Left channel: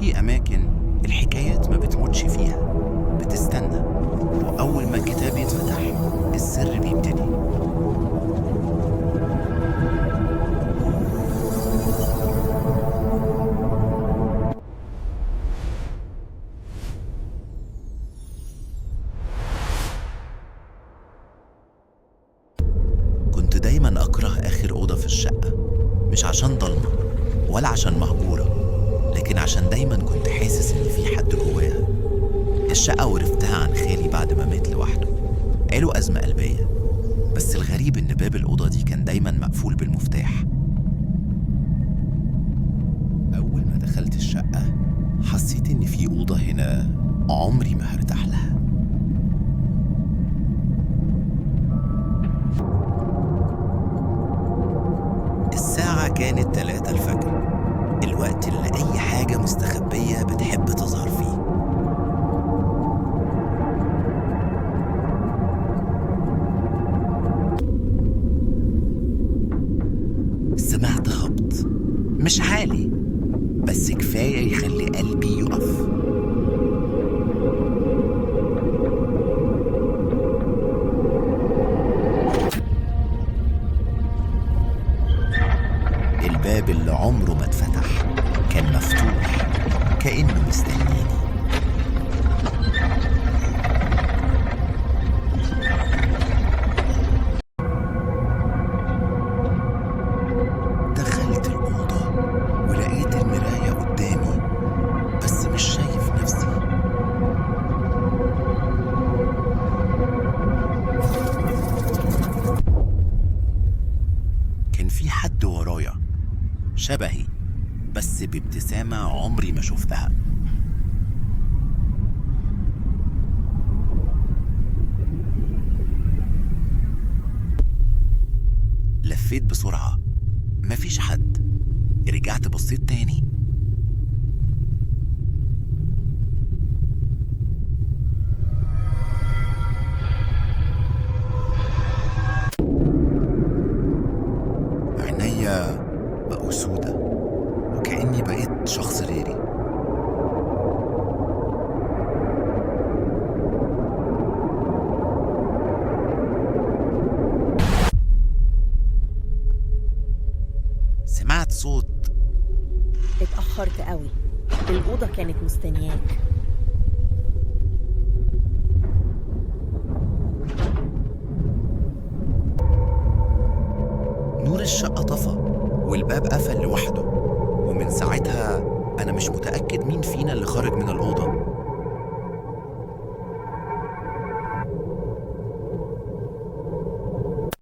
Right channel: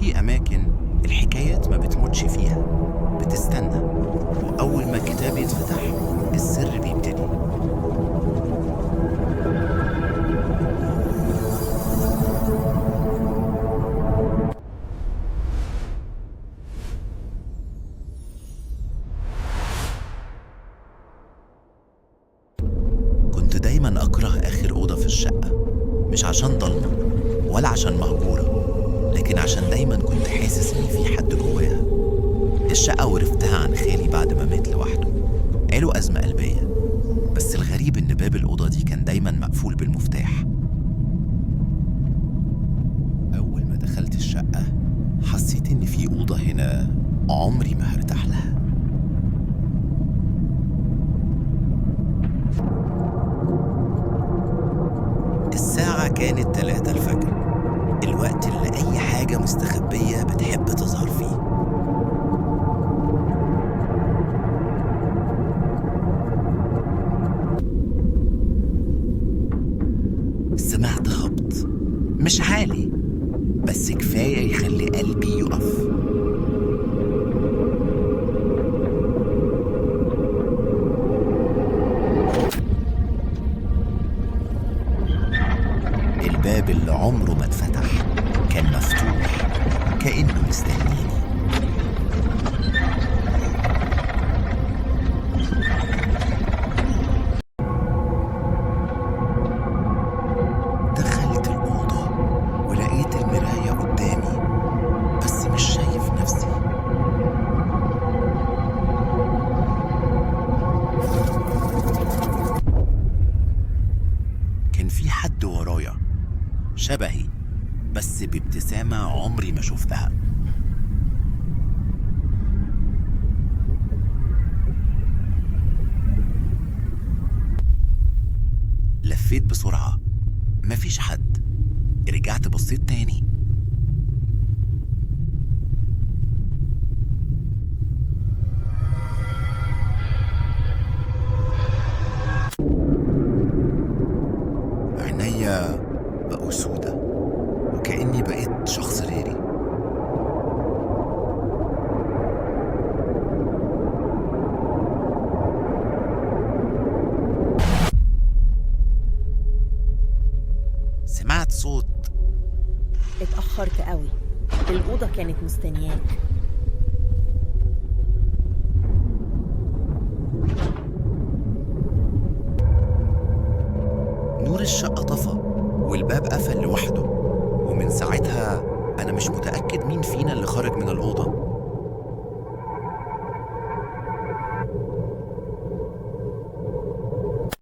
في أماكن الحكايات ما بتموتش فيها، بتستنى، وأول ما الكتاب يتفتح السر بيبتدي. كنت دايما أكره آخر أوضة في الشقة، مش عشان ضلمة ولا عشان مهجورة، لكن عشان دايما كنت حاسس إن في حد جواها. الشقة ورثتها عن خالي بعد ما مات لوحده، قالوا أزمة قلبية، بس الغريب إن باب الأوضة دي كان دايما مقفول بالمفتاح. أول ما دخلت الشقة حسيت إن في أوضة هنا عمري ما هرتاح لها. الساعة كانت 3 الفجر، الوقت اللي أي حاجة مستخبية بتحب تظهر فيه. سمعت خبط، مش عالي بس كفاية يخلي قلبي يقف. الباب اللي عمره ما اتفتح كان مفتوح، كأنه مستنيني. دخلت الأوضة ولقيت المراية قدامي، بس مش شايف نفسي. كان في حد ورايا شبهي، بس بابتسامة عمري ما شفتها. لفيت بسرعة، مفيش حد. رجعت بصيت تاني، عينيا بقوا سودة وكأني بقيت شخص غيري. سمعت صوت. اتأخرت قوي، الأوضة كانت مستنياك. نور الشقة طفى والباب قفل لوحده، ومن ساعتها أنا مش متأكد مين فينا اللي خرج من الأوضة.